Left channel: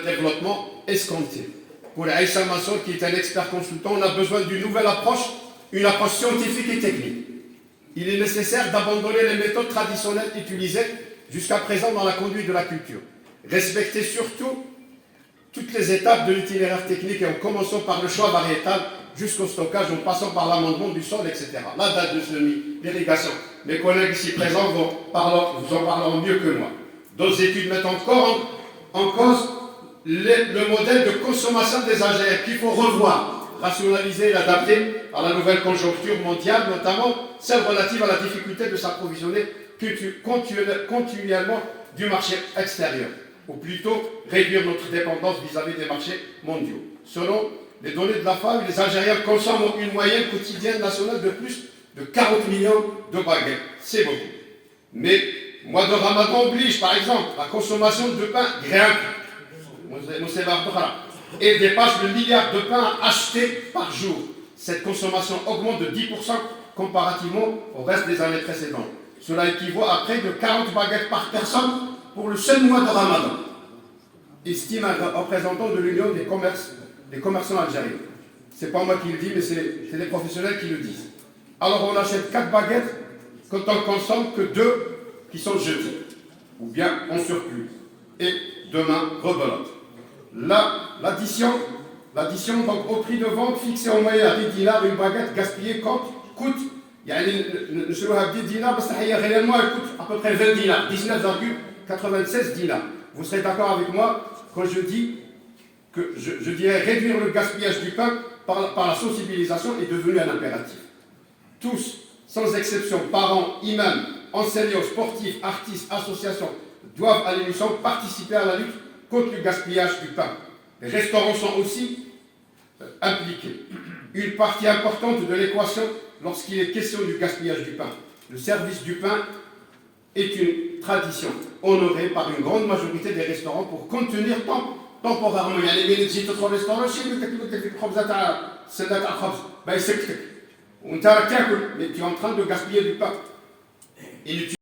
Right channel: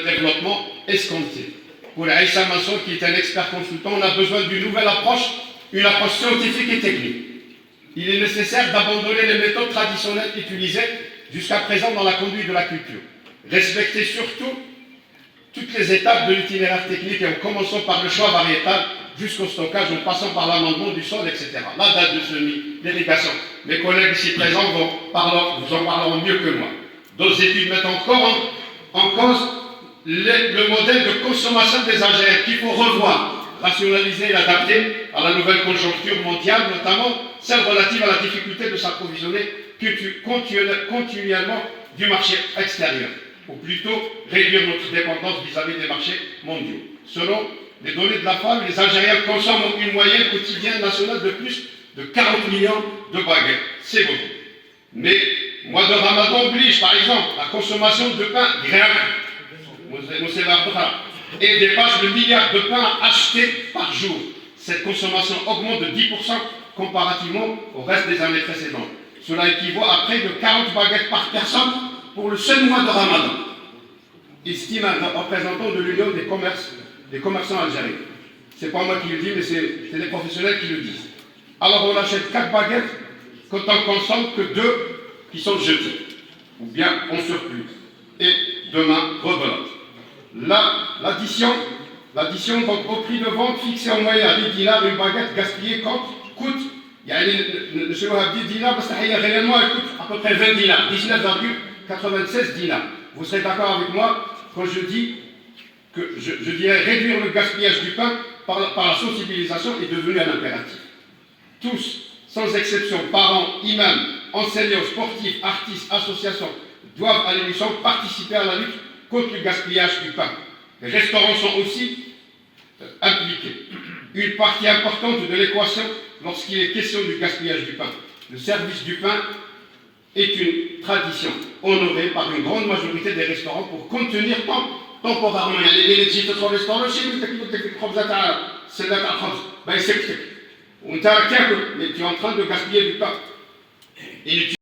développement escompté. Pour Aïssa Masson, qui est un expert consultant, on a besoin d'une nouvelle approche, une approche scientifique et technique. Il est nécessaire d'abandonner les méthodes traditionnelles utilisées jusqu'à présent dans la conduite de la culture. Respecter surtout toutes les étapes de l'itinéraire technique, et en commençant par le choix variétal jusqu'au stockage, en passant par l'amendement du sol, etc. La date de semis, l'irrigation. Mes collègues ici présents vous en parleront mieux que moi. D'autres études mettent encore en cause le modèle de consommation des engrais qu'il faut revoir, rationaliser et l'adapter à la nouvelle conjoncture mondiale, notamment celle relative à la difficulté de s'approvisionner continuellement du marché extérieur, ou plutôt réduire notre dépendance vis-à-vis des marchés mondiaux. Selon les données de la FAO, les Algériens consomment une moyenne quotidienne nationale de plus de 40 millions de baguettes. C'est beaucoup. Mais mois de Ramadan oblige, par exemple, la consommation de pain grimpe et dépasse le milliard de pain achetés par jour. Cette consommation augmente de 10% comparativement au reste des années précédentes. Cela équivaut à près de 40 baguettes par personne pour le seul mois de Ramadan, estime un représentant de l'Union des commerçants algériens. Ce n'est pas moi qui le dis, mais c'est les professionnels qui le disent. Alors on achète 4 baguettes quand on consomme que 2 qui sont jetées, ou bien en surplus. Et demain, rebelote. L'addition, donc au prix de vente fixé en moyenne à 10 dinars, une baguette gaspillée coûte, le 10 dinars, réellement elle coûte à peu près 20 dinars, 19,96 dinars. Vous serez d'accord avec moi quand je dis que je dirais réduire le gaspillage du pain par la sensibilisation est devenu un impératif. Tous, sans exception, parents, imams, enseignants, sportifs, artistes, associations, doivent à l'émission participer à la lutte contre le gaspillage du pain. Les restaurants sont aussi impliqués. Une partie importante de l'équation lorsqu'il est question du gaspillage du pain. Le service du pain est une tradition honorée par une grande majorité des restaurants pour contenir temporairement. Il y a les énergies de ton restaurant, mais tu es en train de gaspiller du pain.